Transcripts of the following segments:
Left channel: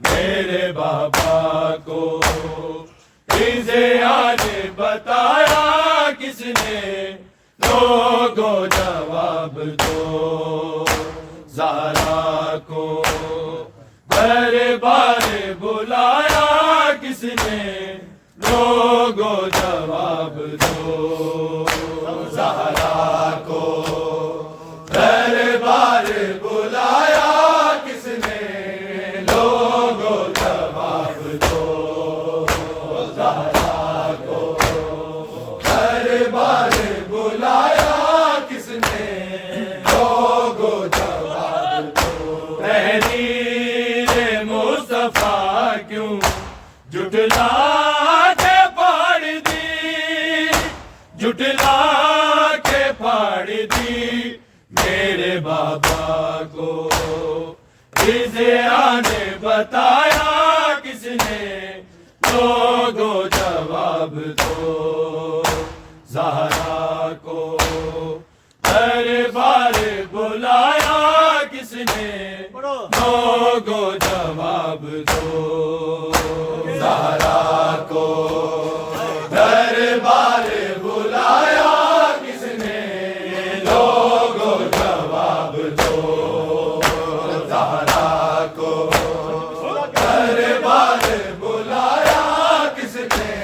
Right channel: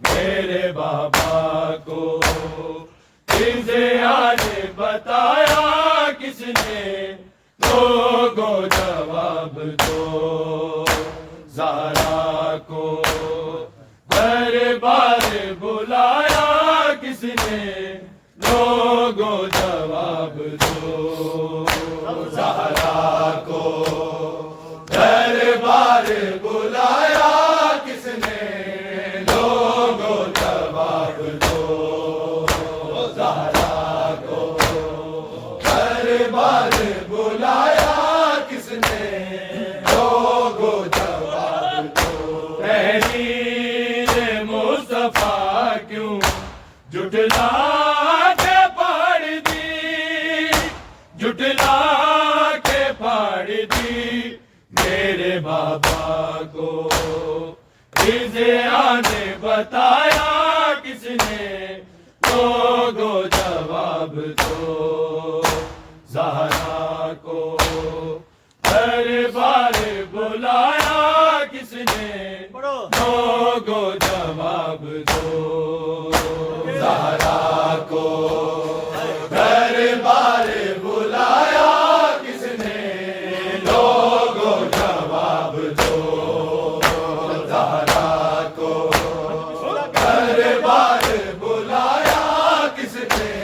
میرے بابا کو فضیات بتایا کس نے؟ لوگوں جواب دو، زہرا کو دربار بلایا کس نے؟ لوگوں جواب دو، زہرا کو دربار بلایا کس نے؟ لوگوں جواب دو، زہرا کو دربار بلایا کس نے؟ لوگوں جواب دو۔ تحریر مصطفیٰ کیوں جھٹلا کے پاڑ دی، جھٹلا کے پاڑ دی؟ میرے بابا کو فضیات بتایا کس نے؟ لوگوں جواب دو، زہرا کو دربار بلایا کس نے؟ لوگوں جواب دو، زہرا کو دربار بلایا کس نے؟ لوگوں جواب دو، زہرا کو دربار بلایا کس نے؟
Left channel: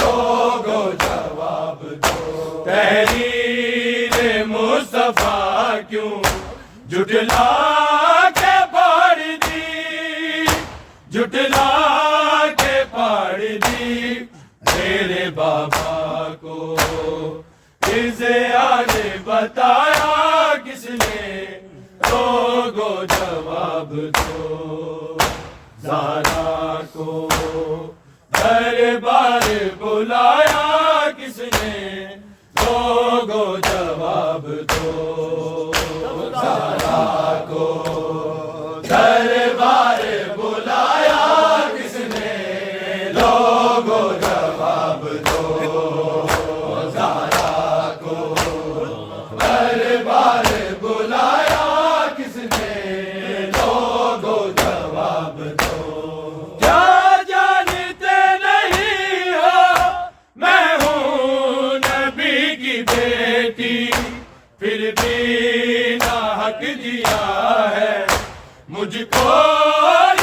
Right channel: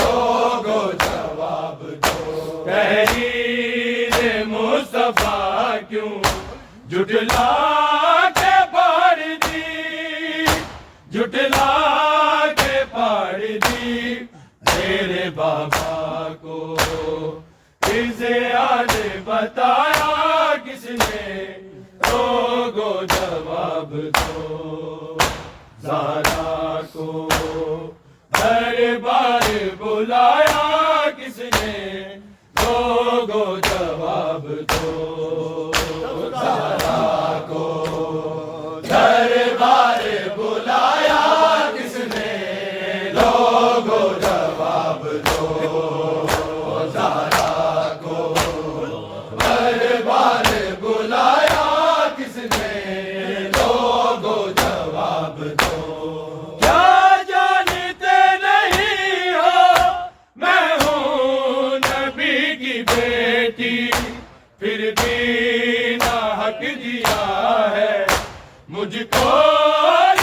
لوگوں جواب دو۔ تحریر مصطفیٰ کیوں جھٹلا کے پاڑ دی، جھٹلا کے پاڑ دی؟ میرے بابا کو فضیات بتایا کس نے؟ لوگوں جواب دو، زہرا کو دربار بلایا کس نے؟ لوگوں جواب دو، زہرا کو دربار بلایا کس نے؟ لوگوں جواب دو، زہرا کو دربار بلایا کس نے؟ لوگوں جواب دو۔ کیا جانتے نہیں ہو میں ہوں نبی کی بیٹی، پھر بھی ناحق دیا ہے مجھ کو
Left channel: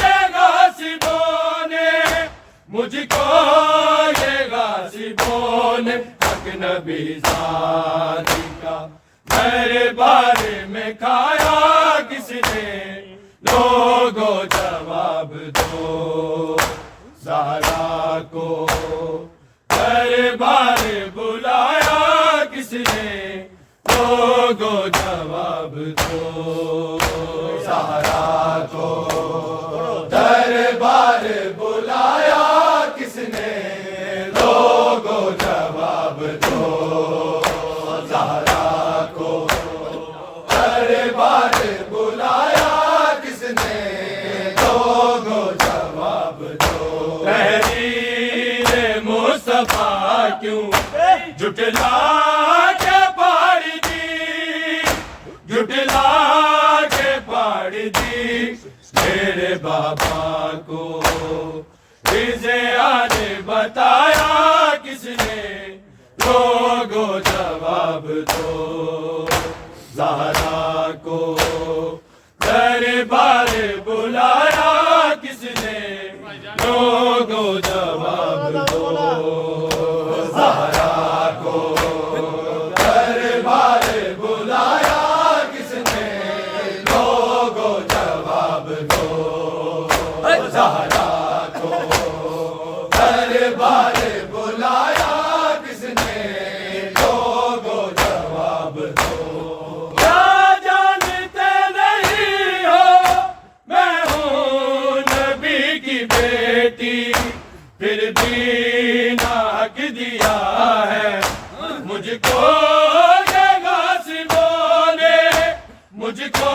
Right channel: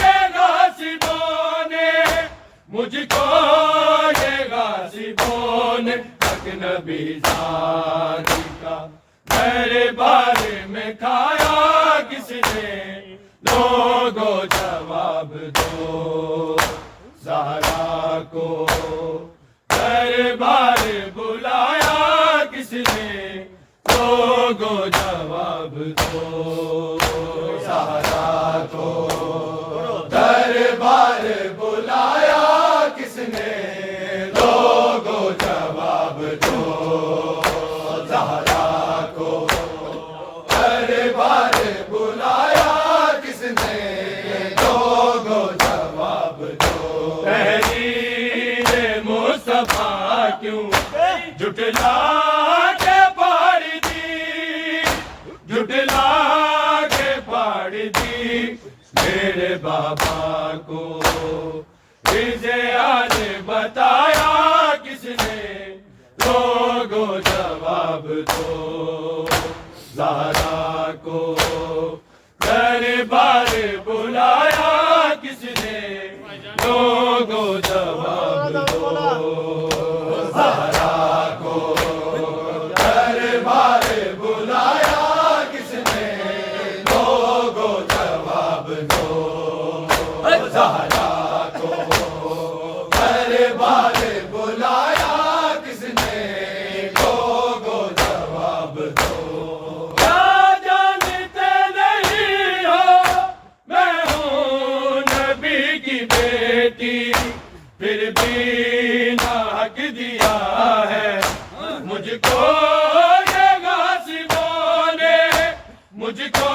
یہ غاصبوں نے، مجھ کو یہ غاصبوں نے۔ حق نبی ذات کا میرے بارے میں کھایا کس نے؟ لوگوں جواب دو، زہرا کو دربار بلایا کس نے؟ لوگوں جواب دو، زہرا کو دربار بلایا کس نے؟ لوگوں جواب دو، زہرا کو دربار بلایا کس نے؟ لوگوں جواب دو۔ تحریر مصطفیٰ کیوں جھٹلا کے پاڑ دی، جھٹلا کے پاڑ دی؟ میرے بابا کو فضیات بتایا کس نے؟ لوگوں جواب دو، زہرا کو دربار بلایا کس نے؟ لوگوں جواب دو، زہرا کو دربار بلایا کس نے؟ لوگوں جواب دو، زہرا کو دربار بلایا کس نے؟ لوگوں جواب دو۔ کیا جانتے نہیں ہو میں ہوں نبی کی بیٹی، پھر بھی ناحق دیا ہے مجھ کو یہ غاصبوں نے، مجھ کو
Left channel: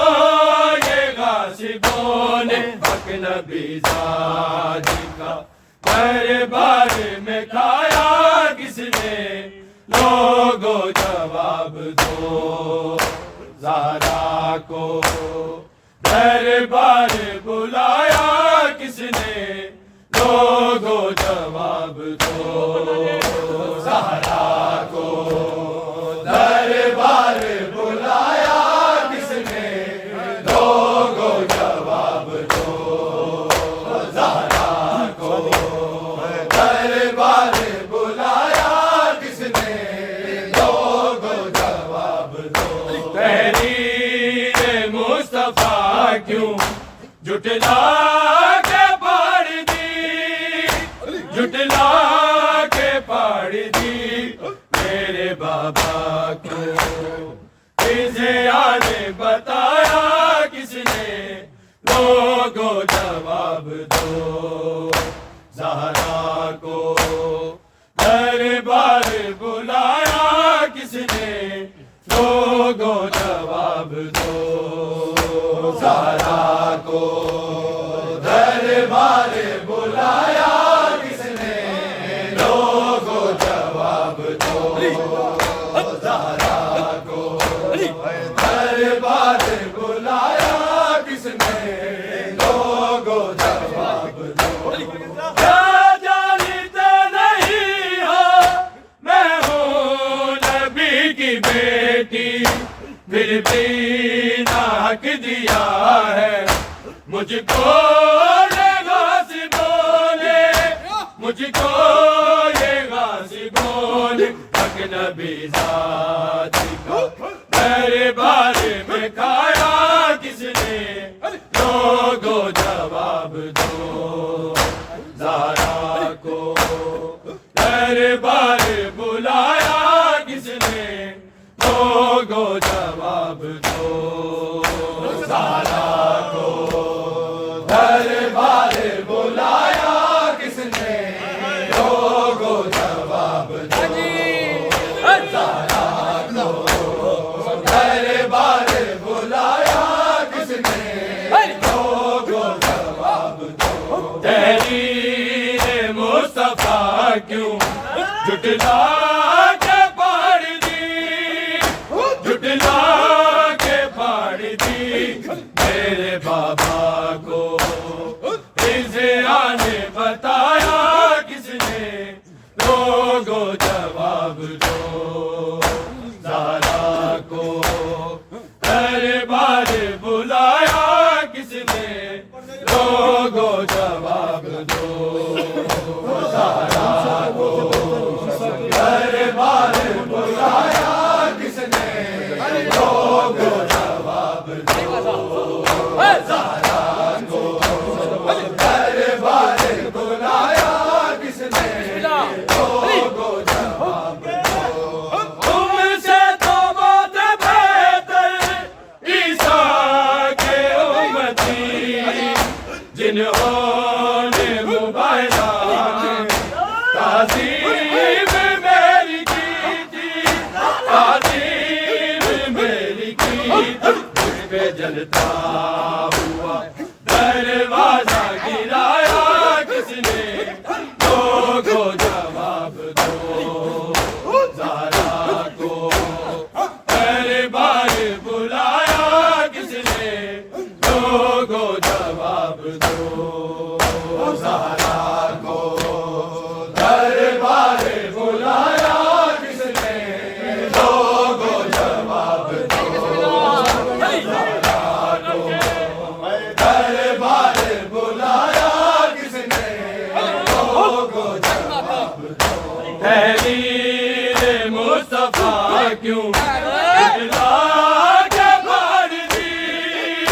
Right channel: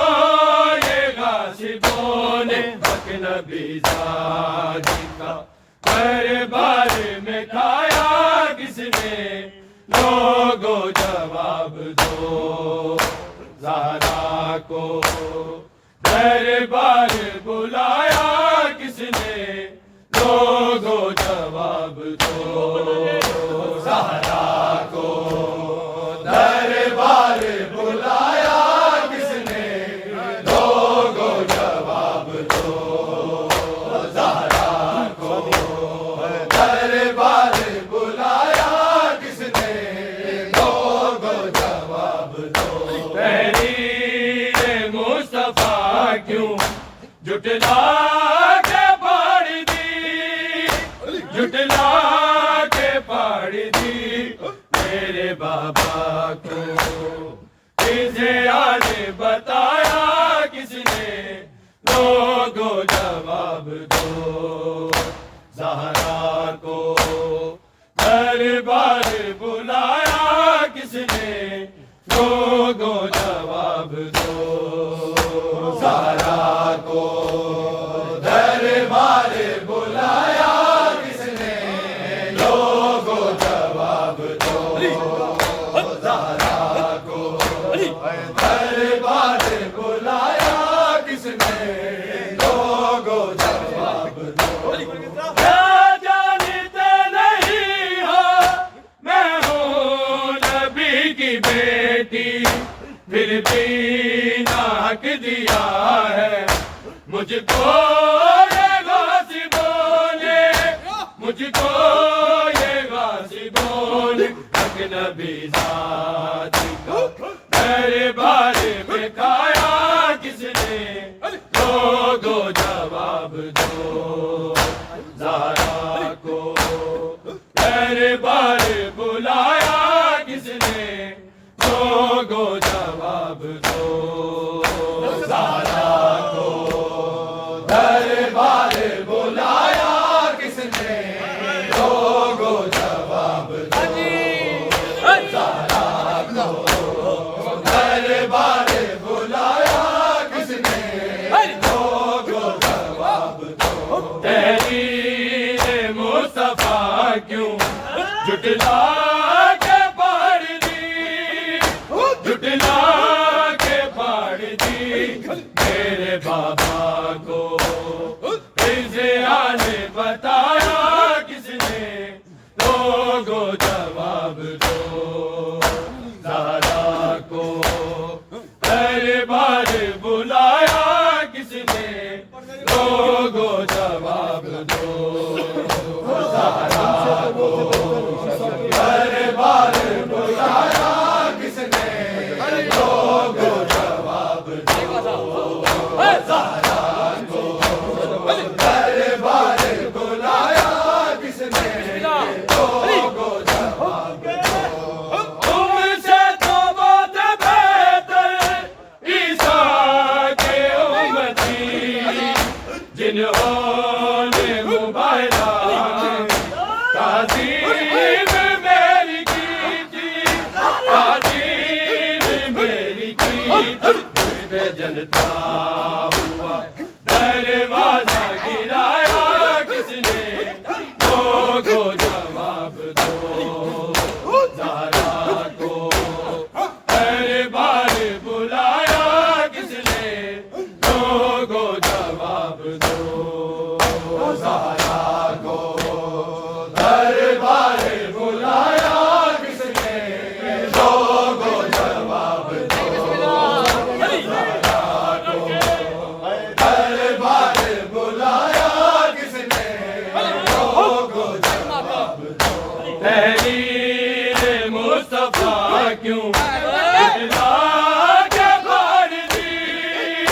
یہ غاصبوں نے۔ حق نبی ذات کا دربار میں کھایا کس نے؟ لوگوں جواب دو، زہرا کو دربار بلایا کس دو زہرا کو دربار بلایا کس نے دو گو جواب دو زہرا کو دربار بلایا کس نے دو گو جواب دو تحریر مصطفیٰ کیوں جھٹلا کے پاڑ دی جھٹلا کے پاڑ دی میرے بابا کو فضیاء نے بتایا کس نے لوگوں جواب دو زہرا کو دربار بلایا کس نے لوگوں جواب دو زہرا کو دربار بلایا کس نے لوگوں جواب دو زہرا کو دربار بلایا کس نے لوگوں جواب دو کیا جانتے نہیں ہو میں ہوں نبی کی بیٹی پھر بھی ناک دیا ہے مجھ کو یہ غازی بولے مجھ کو یہ غازی بولے اجنبی ذات کا دربار میں کھایا کس نے لوگوں جواب دو زہرا کو دربار بلایا کس نے لوگوں جواب دو زہرا کو دربار بلایا کس نے لوگوں جواب دو زہرا کو دربار بلایا کس نے لوگوں جواب دو تحریر مصطفیٰ کیوں جھٹلا کے پاڑ دی جھٹلا کے پاڑ دی میرے بابا کو فضیاء نے بتایا کس نے لوگوں جواب دو زہرا کو دربار بلایا کس نے لوگوں جواب دو زہرا کو دربار بلایا کس نے لوگوں جواب دو زہرا کو دربار بلایا کس نے لوگوں جواب دو تم سے تو بہت بہتر عیسیٰ کے امتی جنہوں نے مبارکہ تعظیم میری کی تھی تعظیم میری کی مجھ پہ جلتا ہوا دروازہ گرایا کس نے لوگوں جواب دو زہرا کو دربار بلایا کس نے لوگوں جواب دو زہرا کو دربار بلایا کس نے لوگوں جواب دو زہرا کو دربار بلایا کس نے لوگوں جواب دو تحریر مصطفیٰ کیوں جھٹلا کے پاڑ دی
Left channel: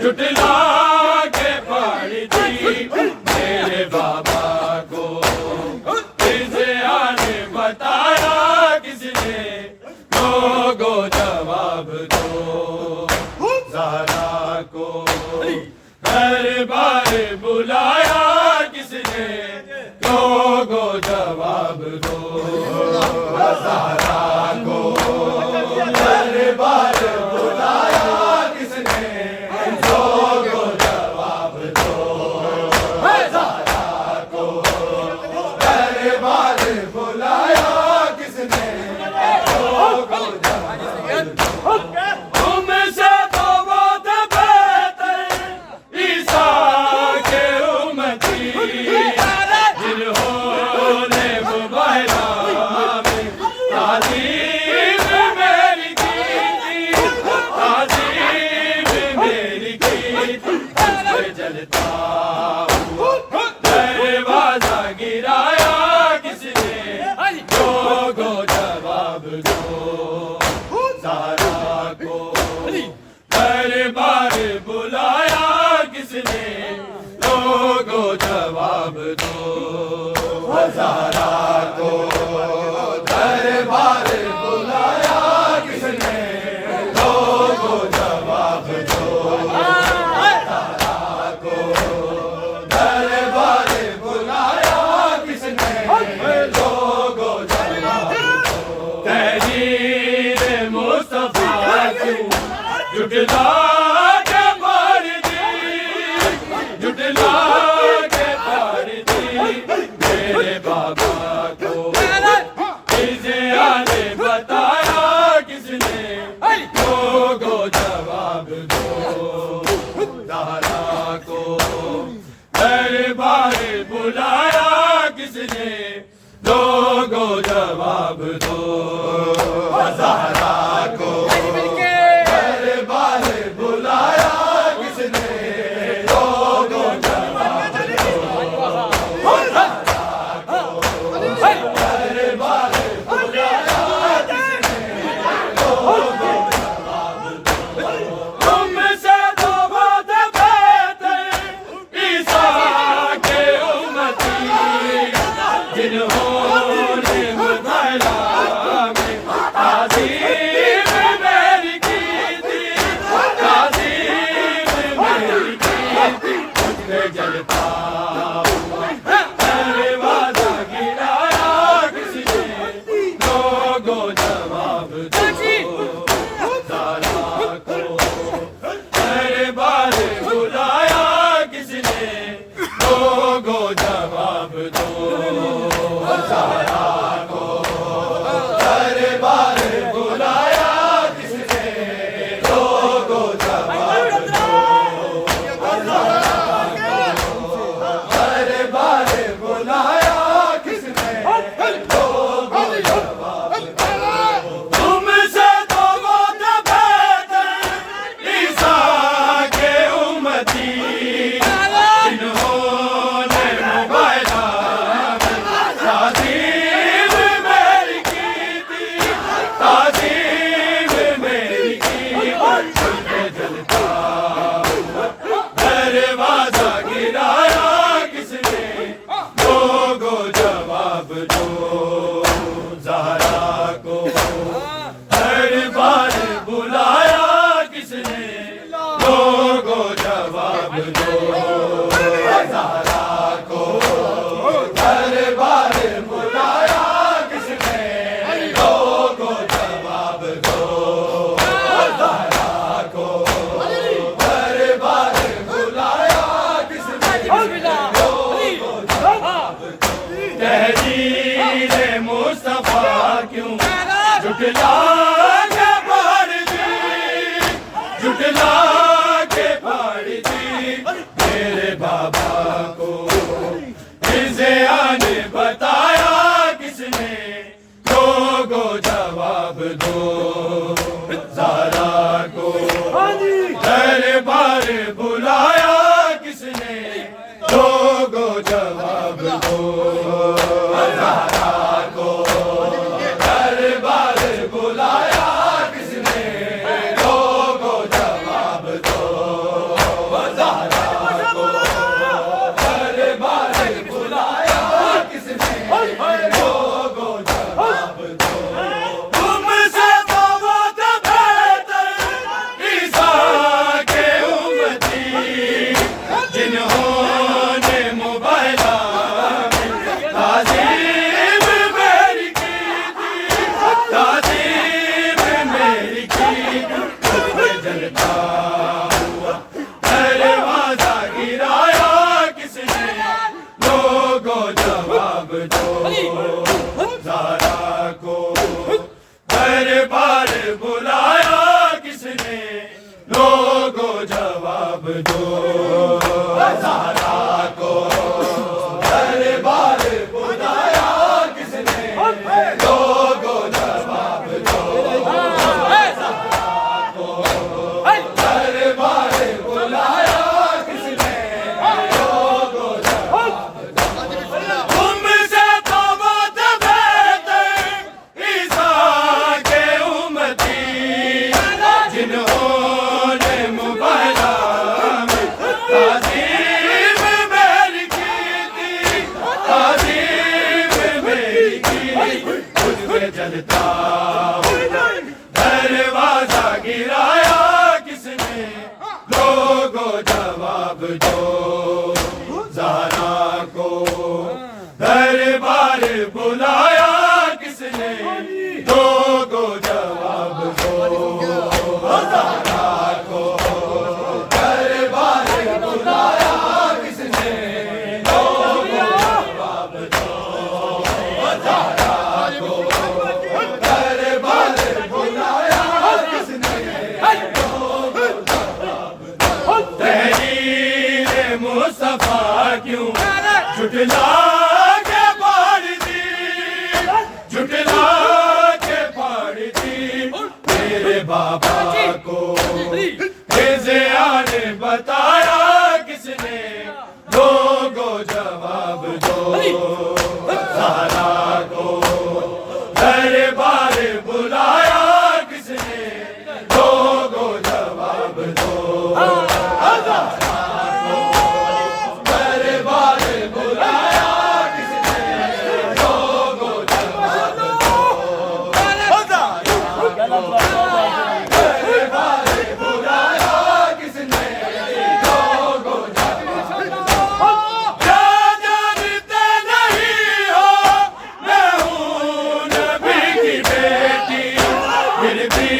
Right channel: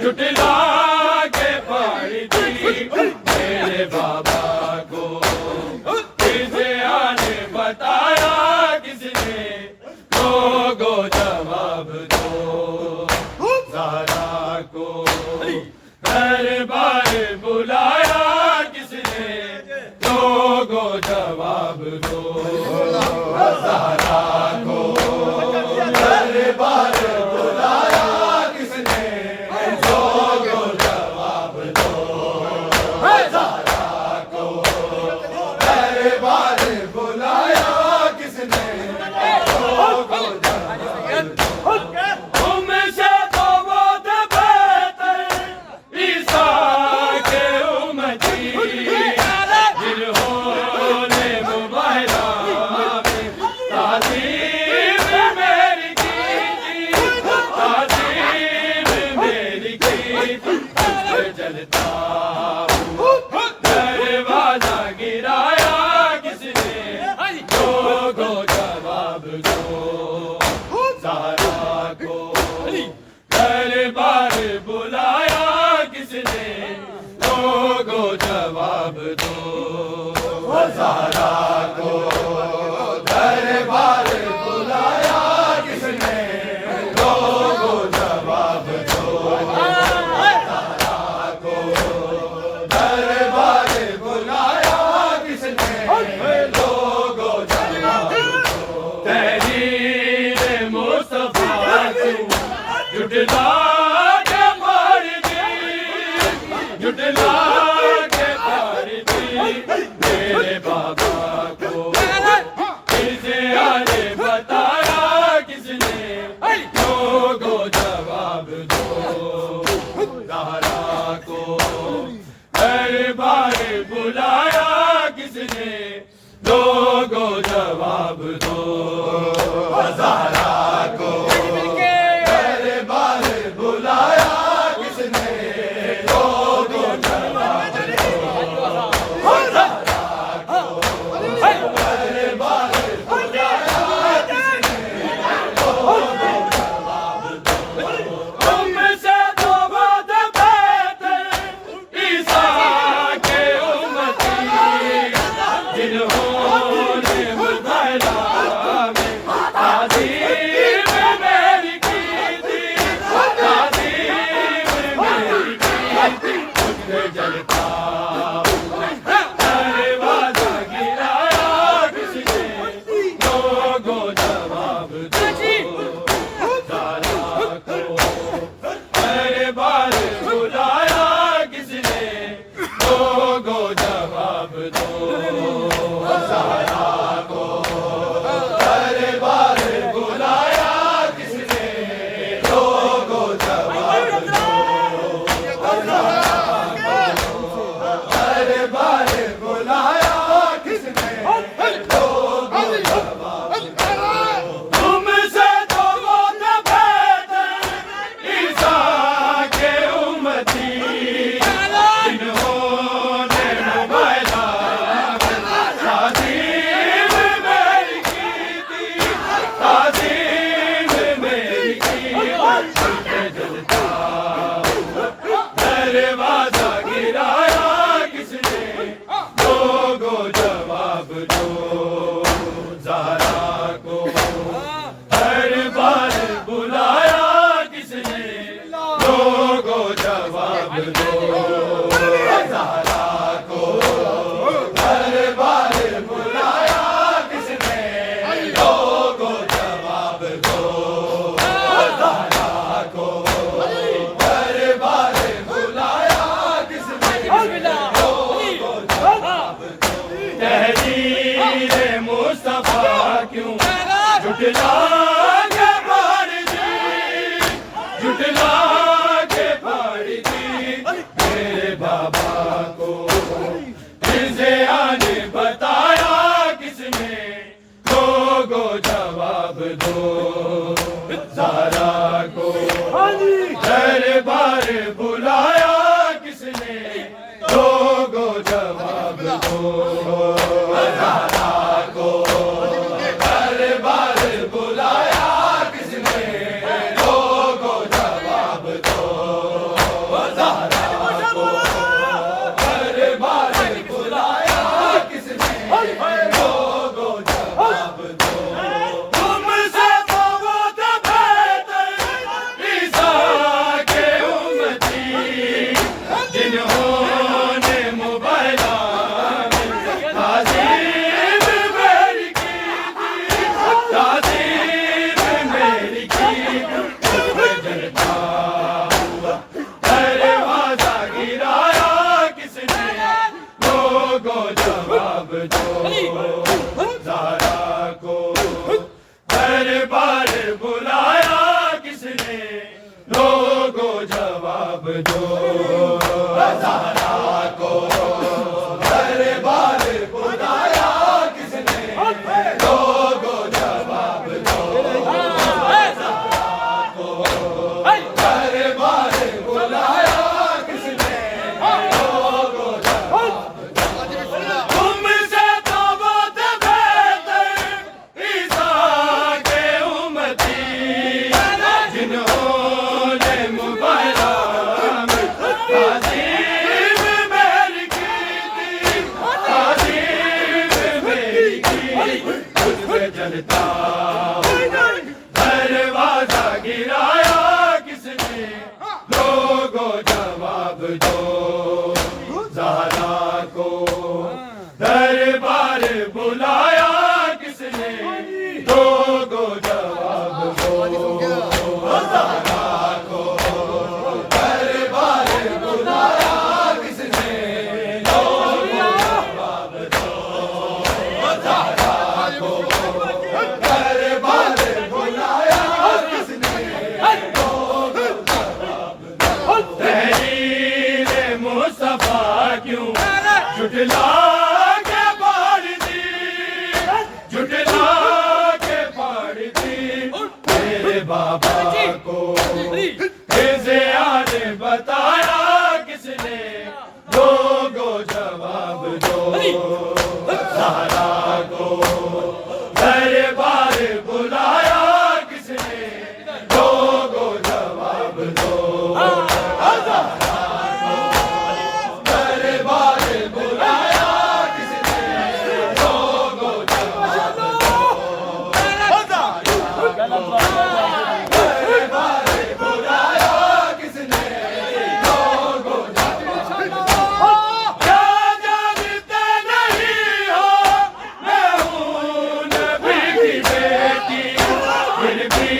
جھٹلا کے پاڑ دی میرے بابا کو فضیاء نے بتایا کس نے لوگوں جواب دو زہرا کو دربار بلایا کس نے لوگوں جواب دو زہرا کو دربار بلایا کس نے لوگوں جواب دو زہرا کو دربار بلایا کس نے لوگوں جواب دو تم سے تو بہت بہتر عیسیٰ کے امتی جنہوں نے جلتا ہوا دروازہ گرایا کس نے لوگوں جواب دو زہرا کو دربار بلایا کس نے لوگوں جواب دو زہرا کو دربار بلایا کس نے لوگوں جواب دو زہرا کو دربار بلایا کس نے لوگوں جواب دو تحریر مصطفیٰ کیوں جھٹلا کے مار دی جھٹلا کے مار دی میرے بابا کو نے بتایا کس نے لوگوں جواب دو زہرا کو دربار بلایا کس نے لوگوں جواب دو زہرا کو دربار بلایا کس نے لوگوں جواب دو زہرا کو دربار جلتا ہوا دروازہ گرایا کس نے لوگوں جواب دو زہرا کو دربار بلایا کس نے لوگوں جواب دو زہرا کو دربار بلایا کس نے لوگوں جواب دو دربار بلایا کس نے لوگوں جواب دو تم سے تو بہت بہتر عیسیٰ کے امتی جنہوں نے موبائلہ میں تعظیم میری کی تھی تعظیم میری کی دل پہ جلتا ہوا دروازہ گرایا کس نے لوگوں جواب دو زہرا کو دربار بلایا کس نے لوگوں جواب دو زہرا کو دربار بلایا کس نے لوگوں جواب دو زہرا کو دربار بلایا کس نے تحریر مصطفیٰ کیوں جھٹلا کے پھاڑ دی جھٹلا کے پھاڑ دی میرے بابا کو فضیاء نے بتایا کس نے لوگوں جواب دو زہرا کو دربار بلایا کس نے لوگوں جواب دو زہرا کو دربار بلایا کس نے لوگوں جواب دو زہرا کو دربار بلایا کس نے لوگوں جواب دو تم سے تو بہت بہتر عیسیٰ کے امتی جنہوں نے موبائلہ میں تعظیم میری کی تھی تعظیم میری کی دل پہ جلتا ہوا دروازہ گرایا کس نے لوگوں جواب دو زہرا کو دربار بلایا کس نے لوگوں جواب دو زہرا کو دربار بلایا کس نے لوگوں جواب دو زہرا کو دربار بلایا کس نے کرتا ہوں دروازہ گرایا کس نے لوگو جواب دو زہرا کو دربار بلایا کس نے لوگو جواب دو زہرا کو دربار بلایا کس نے لوگو جواب دو زہرا کو دربار بلایا کس نے لوگو جواب دو تحریر مصطفیٰ کیوں جھٹلا کے پھاڑ دی جھٹلا کے پھاڑ دی میرے بابا کو رضیا نے بتایا کس نے لوگو جواب دو زہرا کو دربار بلایا کس نے لوگو جواب دو دربار بلایا کس نے لوگو جواب دو دربار بلایا کس نے لوگو جواب دو کیا جانتے نہیں ہو میں ہوں نبی کی بیٹی پھر بھی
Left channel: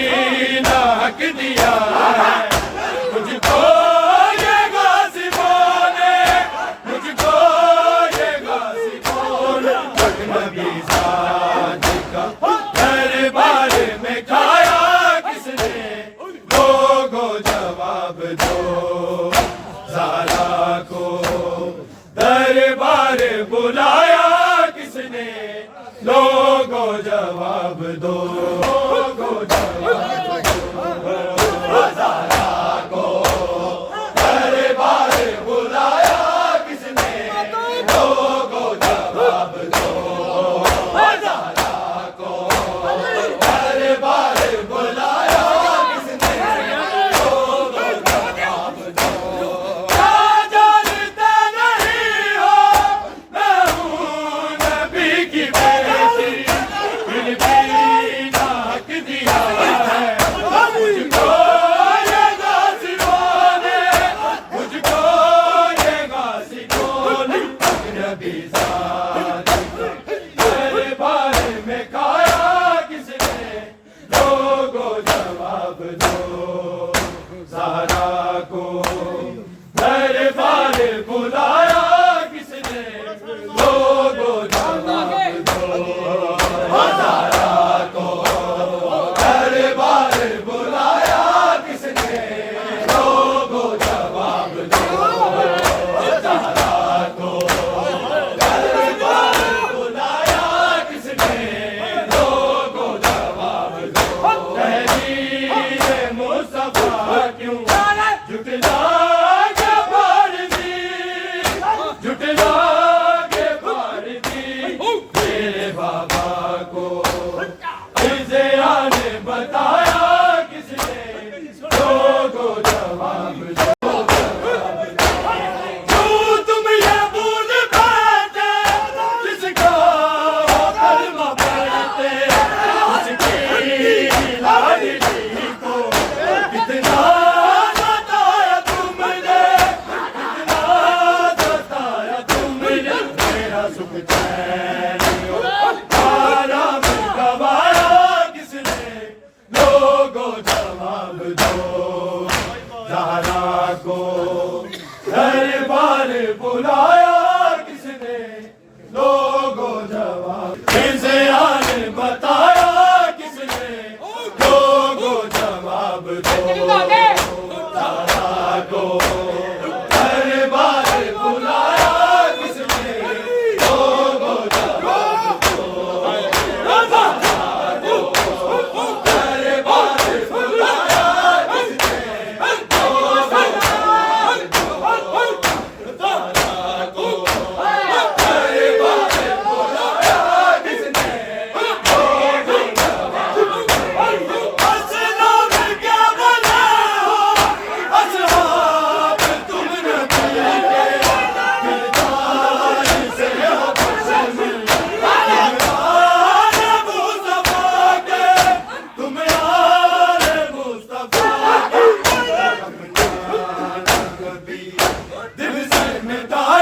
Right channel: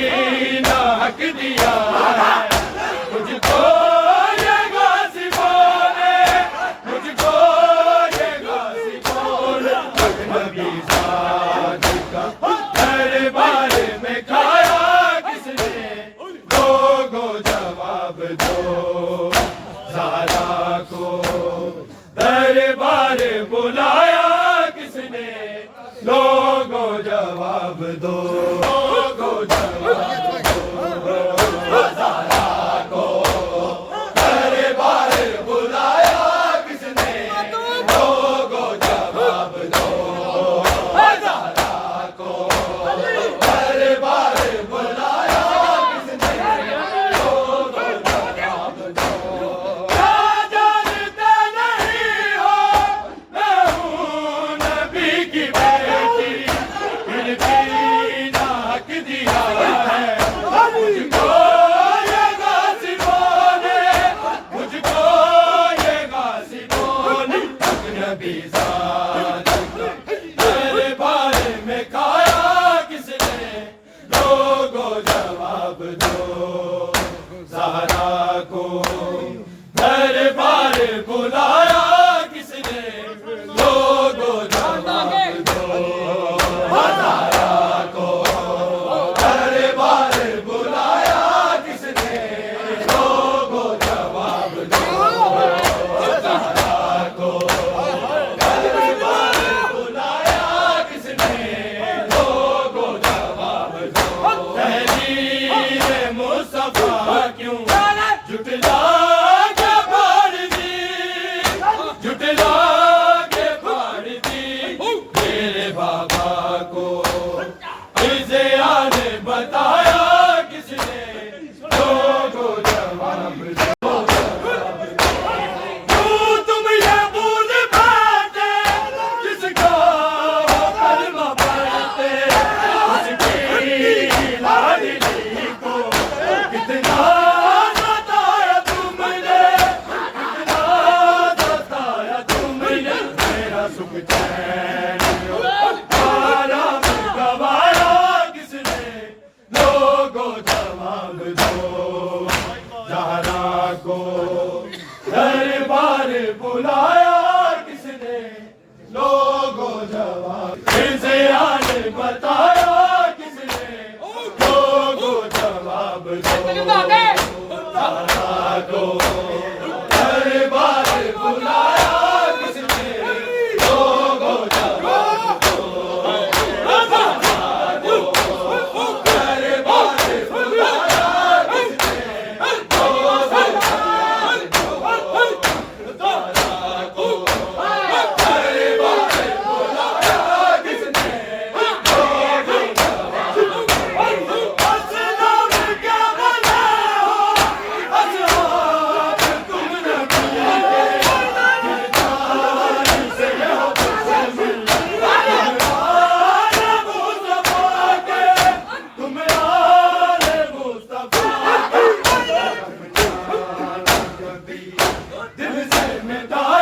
نہ حق دیا ہے مجھ کو یہ غاصبوں نے مجھ کو یہ غاصبوں نے اجنبی ذات کا دربار میں کھایا کس نے لوگو جواب دو زہرا کو دربار بلایا کس نے لوگو جواب دو زہرا کو دربار بلایا کس نے لوگو جواب دو زہرا کو دربار بلایا کس نے لوگو جواب دو کیا جانتے نہیں ہو میں ہوں نبی کی بیٹی پھر بھی نہ حق دیا ہے مجھ کو یہ غاصبوں نے مجھ کو یہ غاصبوں نے اجنبی ذات دربار میں کھایا کس نے لوگو جواب دو زہرا کو دربار بلایا کس نے لوگو جواب دو زہرا کو دربار بلایا کس نے لوگو جواب دو زہرا کو دربار بلایا کس نے لوگو جواب دو تحریر مصطفیٰ کیوں جھٹلا کے پھاڑ دی جھٹلا کے پھاڑ دی میرے بابا کو رضیا نے بتایا کس نے لوگو جواب دو کیوں تم یہ بھول بیٹھے جس کا کلمہ پڑھتے اس کی لاڈلی کو کتنا ستایا تم نے کتنا ستایا تم نے میرا سکھ چین آرام گوایا کس نے لوگو جواب دو زہرا کو دربار بلایا کس نے لوگو جواب رضیا نے بتایا کس نے لوگو جواب دو زہرا کو دربار بلایا کس نے لوگو جواب دو زہرا کو دربار بلایا کس نے لوگو جواب دو زہرا کو دل سے مٹائے